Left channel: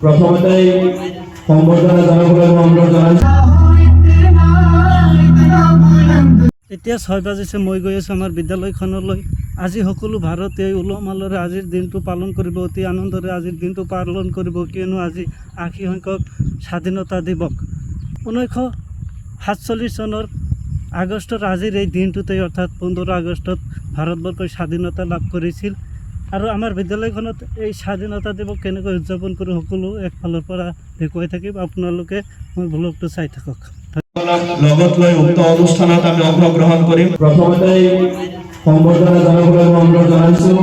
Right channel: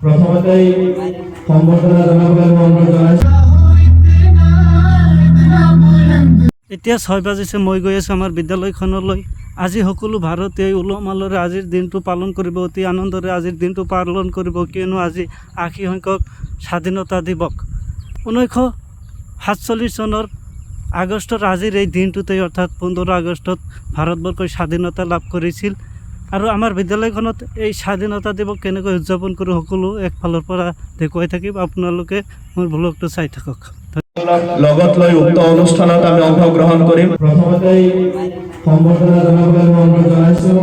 প্ৰথমতেই সম্বৰ্ধনা জনাবলৈ অনুৰোধ জনাইছোঁ। এতিয়া 6 বাজিছে, মই গৈ আছোঁ আমাৰ বিদ্যালয়খনলৈ। আজি সকলো ভাৰতীয়ই উলহ মালহেৰে আজিৰ দিনটো পালন কৰিব, অতি আনন্দৰে আজিৰ দিনটো পালন কৰিব, কিয়নো আজি 80 সংখ্যক স্বাধীনতা দিৱস। 1947 চনৰ আগষ্টৰ আজিৰ এই দিনটোতে অৰ্থাৎ 15 আগষ্টত ভাৰতবৰ্ষই স্বাধীনতা লাভ কৰিছিল। আৰু আমাৰ বিদ্যালয়খনত এই স্বাধীনতা দিৱস কেনেকৈ উদযাপন কৰোঁ সকলো একফালৰ পৰা দেখুৱাই থাকিম। আপোনালোকে মোৰ ব্লগটো চাই থাকক। লগত লৈ উক্ত অনুষ্ঠানত আমি অংশগ্ৰহণ কৰিম। প্ৰথমতেই সম্বৰ্ধনা জনাবলৈ অনুৰোধ জনাইছোঁ।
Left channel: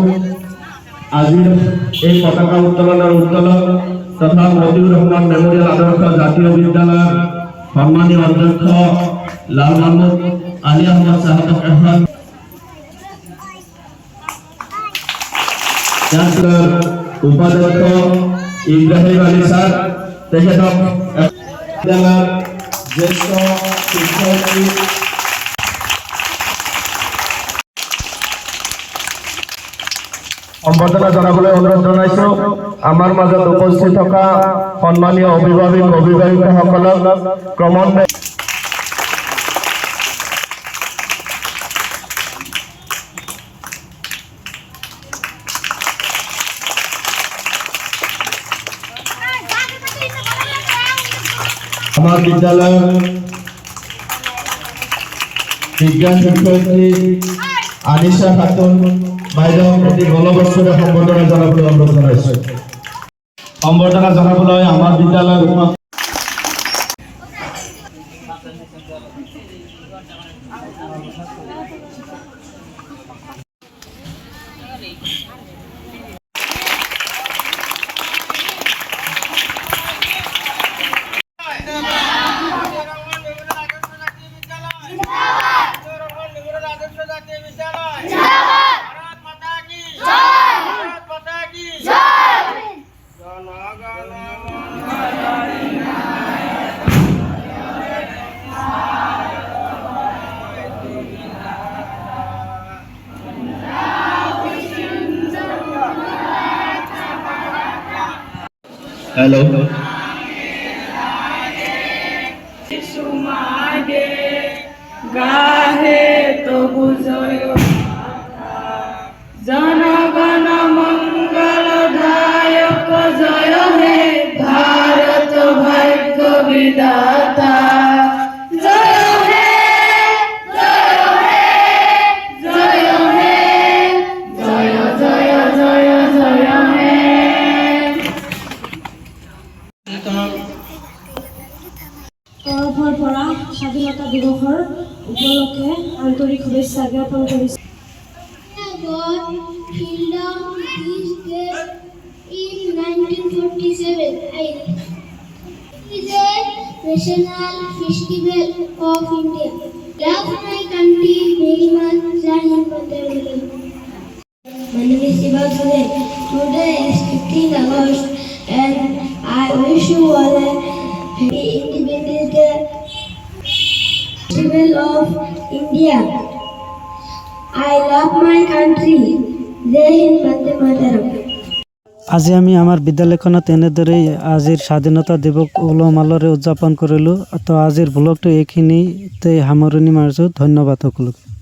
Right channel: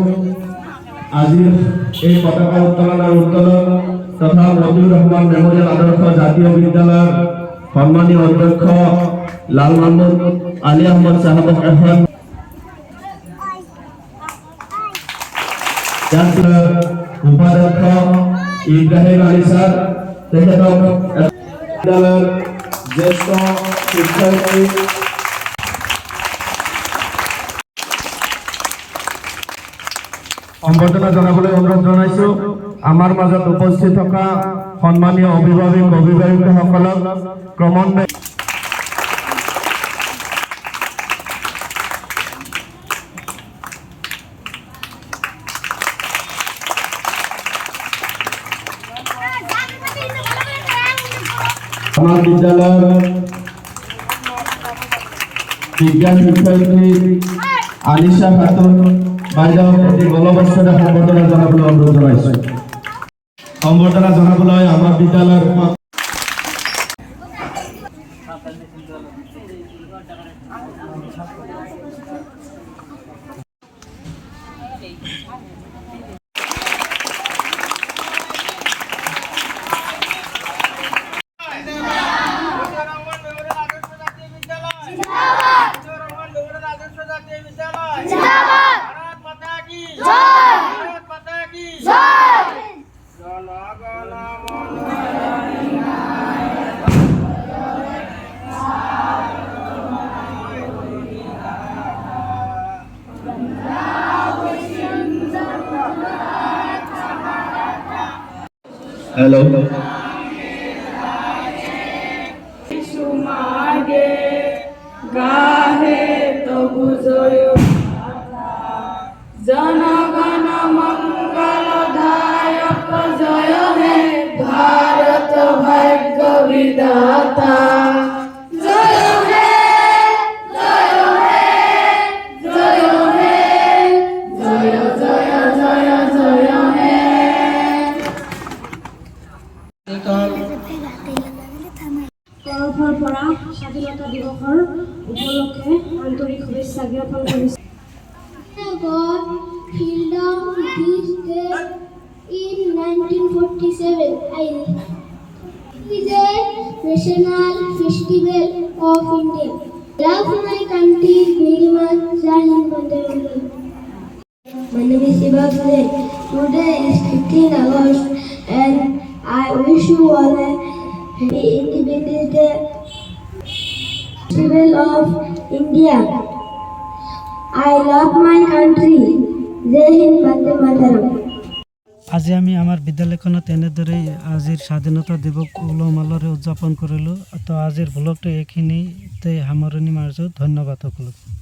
আজিৰ এই পতাকা উত্তোলনৰ উত্তোলক তথা মতিউৰ ৰহমান মেমৰিয়েল আদৰ্শ জাতীয় বিদ্যালয়ৰ সন্মানীয় অধ্যক্ষ লাল মাহমুদ আলী আহমদ সাহেবক এখন উপাধ্যক্ষ ইব্ৰাহিম আলী ছাৰ, তেখেতক বিদ্যালয়ৰ জ্যেষ্ঠ শিক্ষাৰ্থী সম্বৰ্ধনা জনাবলৈ অনুৰোধ জনাইছোঁ। আমাৰ মাজত উপস্থিত থকা সন্মানীয় অভিভাৱকসকলক ক্ৰমান্বয়ে আমার বিদ্যালয়ের বিজ্ঞান শিক্ষয়িত্রী আনিশা খাতুন বাইদেউ এটি গলবস্ত্রে সম্বর্ধনা জানাবলৈ অনুরোধ জনাইছে। সম্বর্ধনা জানাবলৈ আমার বিদ্যালয়ের हेलो गाहे तो बुझयो जनगण मंगलदायक जय हे भारत भाग्य विधाता जय हे जय हे जय हे जय जय जय जय हे তৰফৰ পৰা স্বাধীনতা দিৱসৰ উপলক্ষে আন্তৰিক শুভেচ্ছা জ্ঞাপন কৰিছোঁ। God freedom this day in 1947. It is a national festival of India. Love my country very much. Jai Hind, Vande Mataram. My name is Siva Sudhe. Today is 15 August and I wish you all a happy Independence Day festival of India. I love my country. Jai Hind, Vande Mataram. আজি আমি আমাৰ বিদ্যালয়খনত এনেদৰেই আজিৰ স্বাধীনতা দিৱস উলহ মালহেৰে উদযাপন কৰিলোঁ। তো আজিৰ ব্লগটো এইখিনিতে সামৰণি মাৰিছোঁ। ধন্যবাদ সকলোকে।